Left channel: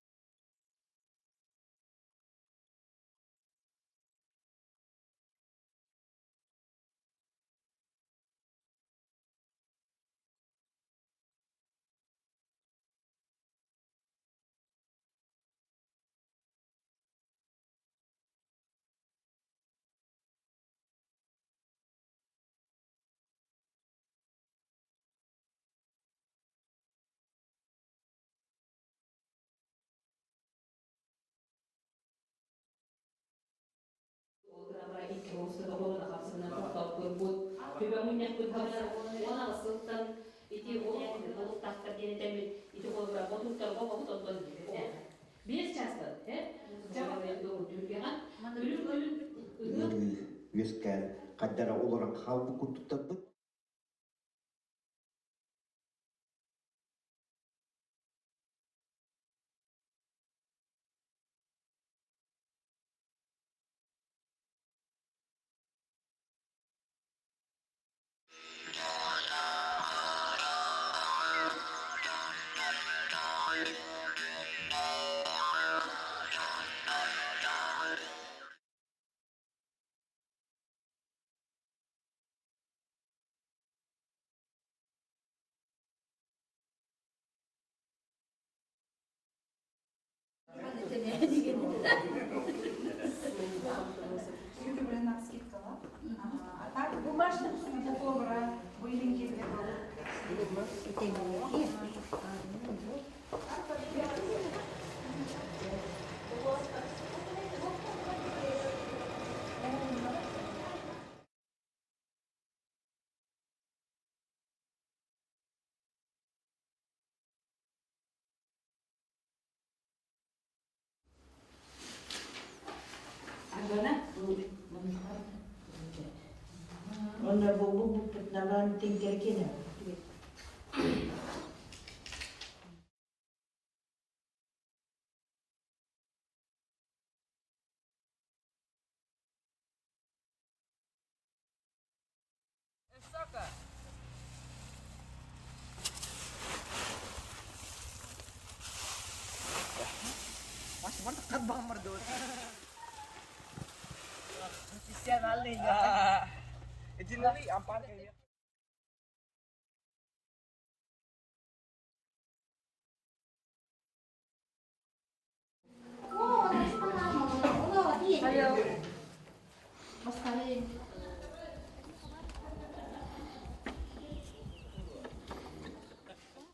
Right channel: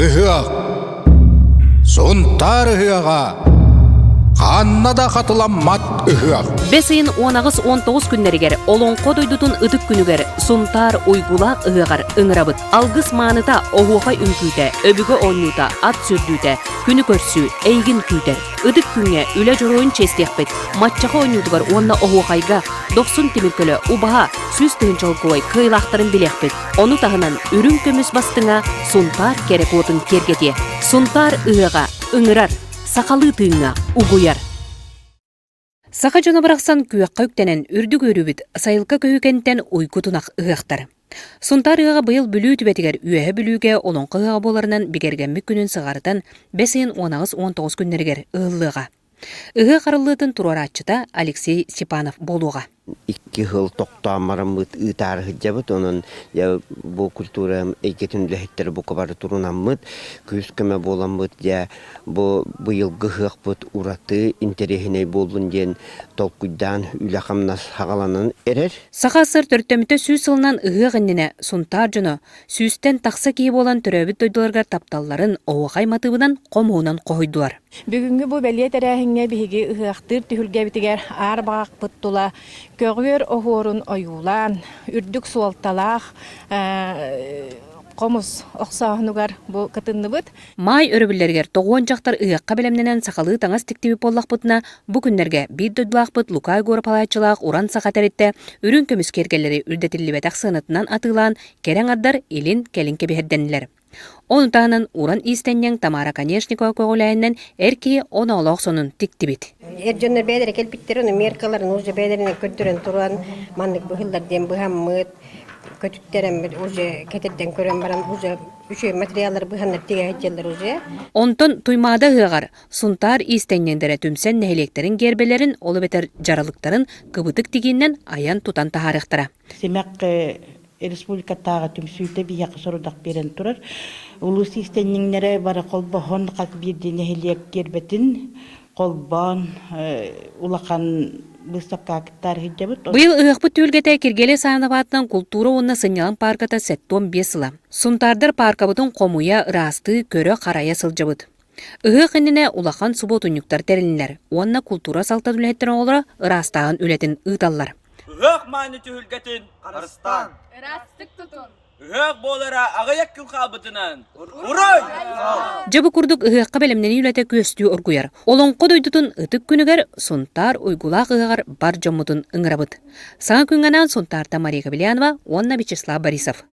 ыһыах, сунтар ыһыаға, қаннада қатыламмат ыһыах. Бесейін 10-19 күннерігер, олонқо дойдутун ыдык күнігер, сунтар уйгулақ ыһығар ыңырабыт. Алгыс маныта оғуға үнкүйті, өбігі оннута, ат сүрдүйті, күні көрсі, әйгін күйтер. Ыдык күнге үлі жоройын честекпет. Матчаға оннутығар онна оғуғайға 90 теміркөлі убаға сүз тыынчылкуай кыйлақтарын білекпет. Оны тағынан үрін көміс бастыңа сунтар керек отын кергете. Сунтар ыһыға ыңырар, сақалы тыыңа угуяр. Сақа жона бірақсан күйаққа үктенен үрдік өрібіт сайылқа күйікенттен уйкутунақ ығақтар. Сунтар ыға бұйыл бүлі түбетігер үйәе бүліге олонқы ыға боларынан бігергенмік күнін сығарытан 5-19 күннергер ұғылыға. Ыға қарылытын тураратчыта Алексей Степанов болуға. 2 жыл тоқтамарымыт ытарғы жабыт, onun bu kultura eyketün lehitleri bu kabarı turunamıt, küskeme bolamıt ya bu yıl gıhıq bıt uratı interehine bolun den tolkuydan ülakamnas hağalanan erer. Сақасыр төрттөміті сүйс сылынан ыға ғынніне сунтар жыны сүйстен тақса кейіп olan түрәбіт дойдыларға тапталларын оғай матыбынан қомуынан қойдуар. Бүгүнгү бу белие терәһиңе биһиги ыһыахтыр түһүлгэ битигер аар багак пыттула көгүөр оһуорун оюулаан үрдүк суолталаах комус оксаахнугар бу кытынныбыт. Май өрөбүллергер тоғуон жақтар ыаққа белемненен сақалы таңас тиктиби боллақ бұтына бұ күннерге бейд дойдылақ бұт лукай горы палайчылақ уран сақатаретті үрін көміс кергелері үрдетілі бәтақ сынытынан атылан керен аддар елін келін кебеһедденілер. Оны тағынан уран истеннен Тамара Конешникова көғіләйінен әркей оны олақ сонын тиктибит. Эржоннер бәдері келбіттерін, меркаларын уже бәдеріне көттірін тұран, мандық бұхылдарден бұхаммыт, көтүттерін уже кетерден көрен баран, уже үші материалдар бұханнар теге әйтелдер уже. Онтон туймада ғығар, сунтар истеннендері түмсен нәйлектерін гербелерін, олы бетер жаралықтарын кыбытык дегеннен аян тутан тахарықтыра. Республикаттағы түмсүйті бияқы сұрудақ берен тұрар. Улус истенніңнері бары қолбахон қақ бірден әхелек кербетін, қолбан, улақан бұстаққа кіттар хиджабыт. Бұйыл ұйықпы төлгеті кергелі сағынабатынан культура онына сынялан парката 7-5 сыла. Сунтардар паркабытын қомуя расты көрі қарая сылжабыт. Ұйық ініне улақан субот ұнюктар тәрілінлер. Онына культура салтан үлеттер олыра растағын үлетін ұйталлар. Үһөк майны түһүлгәтин Арыстан. Растык тутун. Үһөк болара агаяк күн кабытынан. Урай! Жабы курдук ыһыакка белемнени үлете көстүү оргуяр. Олонко дойдутун ытык күнүгер сунтар уйгулак ыгар бар жоммутун ыңырабыт. Саң күнгенен сунтарта Мария Кабелянова, Онна Вячеслав Борисов.